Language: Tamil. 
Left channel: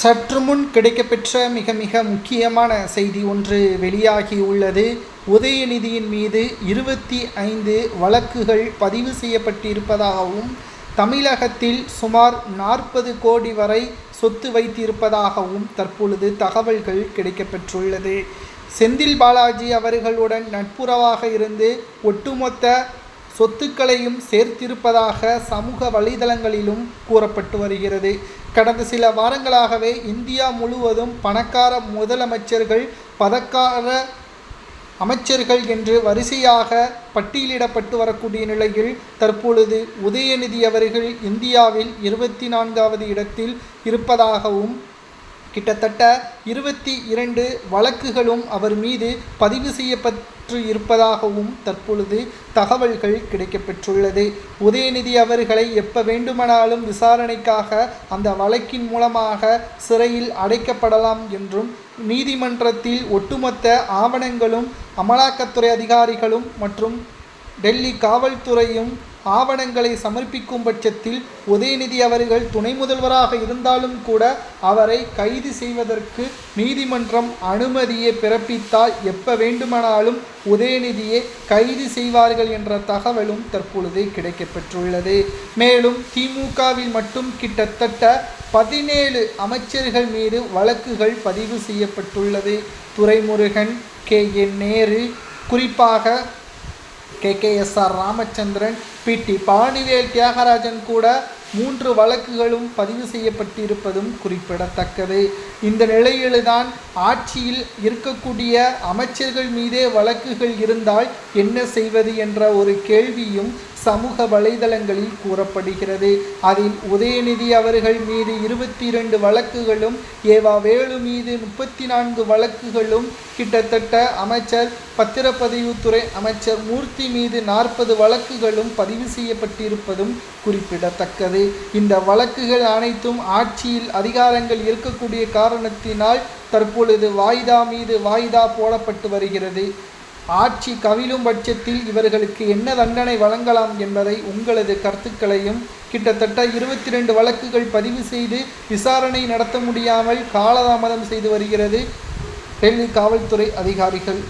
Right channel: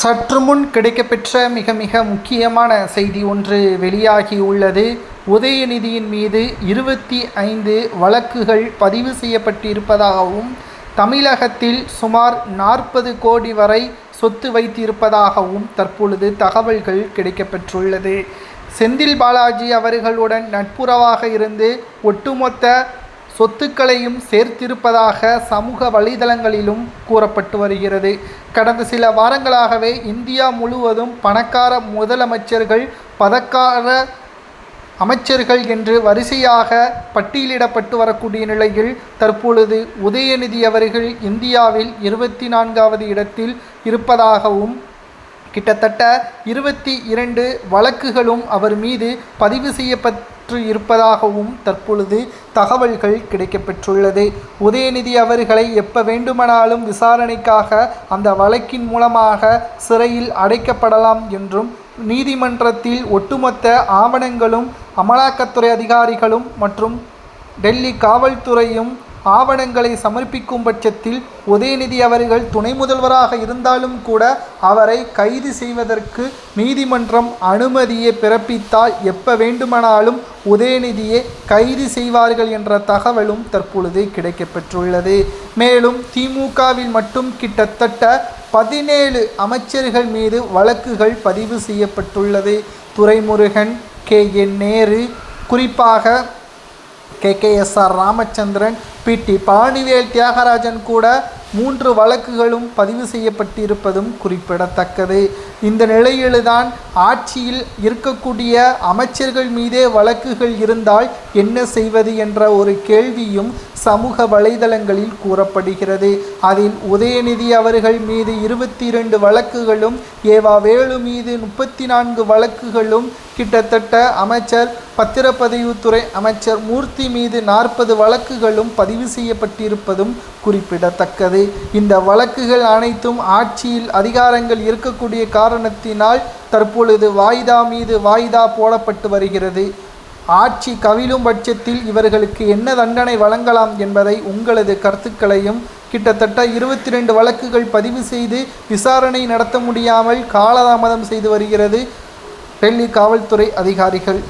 சற்று முன் கிடைக்கப்பெற்ற மிக மிக முக்கியமான செய்தி ஒன்று வெளியாகியுள்ளது. உதயநிதியின் மீது 25 வழக்குகள் பதிவு செய்யப்பட்டிருப்பதாகவும் தமிழகத்தில் சுமார் 40 கோடி வரை சொத்து வைத்திருப்பதாகவும் தற்பொழுது தகவல்கள் கிடைக்கப்பெற்றுள்ளது. செந்தில் பாலாஜி அவர்களுடன் நட்புறவாக இருந்து ஒட்டுமொத்த சொத்துக்களையும் சேர்த்திருப்பதாக சமூக வலைதளங்களிலும் கூறப்பட்டு வருகிறது. கடந்த சில வாரங்களாகவே இந்தியா முழுவதும் பணக்கார முதலமைச்சர்கள், பணக்கார அமைச்சர்கள் என்று வரிசையாக பட்டியலிடப்பட்டு வரக்கூடிய நிலையில் தற்பொழுது உதயநிதி அவர்கள் இந்தியாவில் 24வது இடத்தில் இருப்பதாகவும் கிட்டத்தட்ட 22 வழக்குகளும் அவர் மீது பதிவு செய்யப்பட்டு இருப்பதாகவும் தற்பொழுது தகவல்கள் கிடைக்கப்பெற்றுள்ளது. உதயநிதி அவர்களை எப்போ வேண்டுமானாலும் விசாரணைக்காக அந்த வழக்கின் மூலமாக சிறையில் அடைக்கப்படலாம் என்றும் நீதிமன்றத்தில் ஒட்டுமொத்த ஆவணங்களும் அமலாக்கத்துறை அதிகாரிகளும் மற்றும் டெல்லி காவல்துறையும் ஆவணங்களை சமர்ப்பிக்கும் பட்சத்தில் உதயநிதி அவர்கள் துணை முதல்வராக இருந்தாலும் கூட அவரை கைது செய்வதற்கு நீதிமன்றம் அனுமதியை பிறப்பித்தால் எப்போ வேண்டுமானாலும் உதயநிதியை கைது செய்வார்கள் என்ற தகவலும் தற்பொழுது கிடைக்கப்பெற்றுள்ளது. மேலும் திமுகவில் மட்டும் கிட்டத்தட்ட 17 அமைச்சர்கள் மீது வழக்குகள் பதிவு செய்யப்பட்டுள்ளது. துரைமுருகன், KN நேரு, குறிப்பாக KKSR ராமச்சந்திரன், PT பழனிவேல் தியாகராஜன் கூட 3 வழக்குகளும் பதிவு செய்யப்பட்டிருப்பதும் குறிப்பிடத்தக்கது. இந்த நிலையில்தான் ஆட்சியில் இருக்கக்கூடிய அமைச்சர்கள் மீதே வழக்குகள் இருந்தால் என்ன செய்வது என்ற ஒரு கேள்வியும் சமூக வலைதளங்களில் கூறப்படுகிறது. அதில் உதயநிதி அவர்கள் மீது 22 வழக்குகளும், ஏவா வேலு மீது 34 வழக்குகளும், கிட்டத்தட்ட அமைச்சர் பத்திரப்பதிவுத்துறை அமைச்சர் மூர்த்தி மீது 40 வழக்குகளும் பதிவு செய்யப்பட்டிருப்பதும் குறிப்பிடத்தக்கது. இந்த வழக்குகள் அனைத்தும் ஆட்சியில் அதிகாரங்கள் இருக்கக்கூடிய காரணத்தினால் தற்பொழுது வாய்தா மீது வாய்தா போடப்பட்டு வருகிறது. ஆட்சி கவிழும் பட்சத்தில் இவர்களுக்கு என்ன தண்டனை வழங்கலாம் என்பதை உங்களது கருத்துக்களையும், கிட்டத்தட்ட 22 வழக்குகள் பதிவு செய்து விசாரணை நடத்த முடியாமல் காலதாமதம் செய்து வருகிறது டெல்லி காவல்துறை அதிகாரிகள்.